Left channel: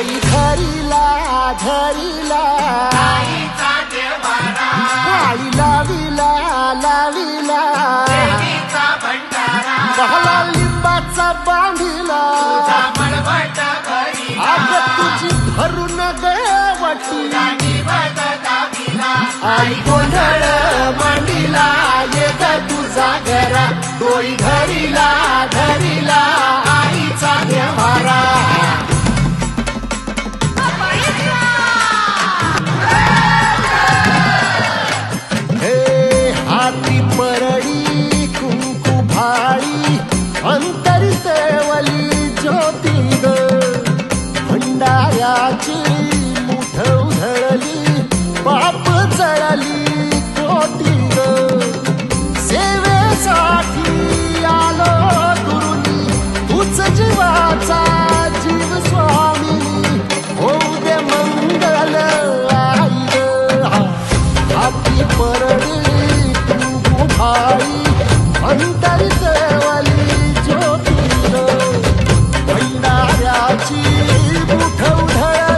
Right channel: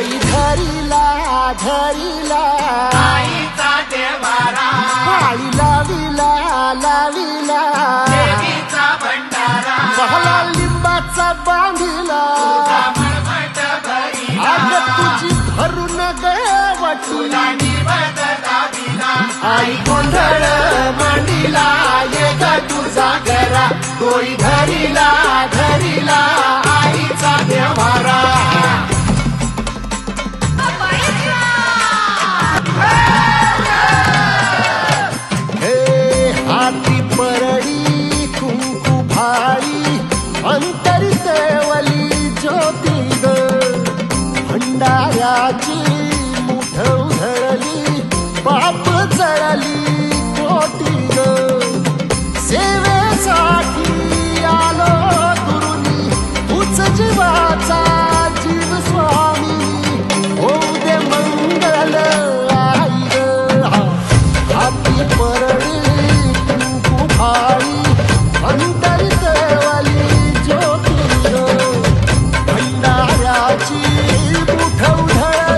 डोई धरिला धरिला पाळी लाविला लाविला पहला लिंबाचा बांधिला आग तुझी भरून गवटी आई गोंधळ मांडीला ये ग तुझा घरा डोई धरिला धरिला आईचा देवारा हे हाती परडी कुंकू भाळी अंतरी तेवली ज्योती ग भंडाऱ्याची मुठ उधळली पाप जळली कोटी ग सेवेसाठी आलो दुरुनी तूच जीवाचा जीव स्वामी होऊ दे मंगल आई ग हाती परडी कुंकू भाळी अंतरी तेवली ज्योती ग भंडाऱ्याची मुठ उधळ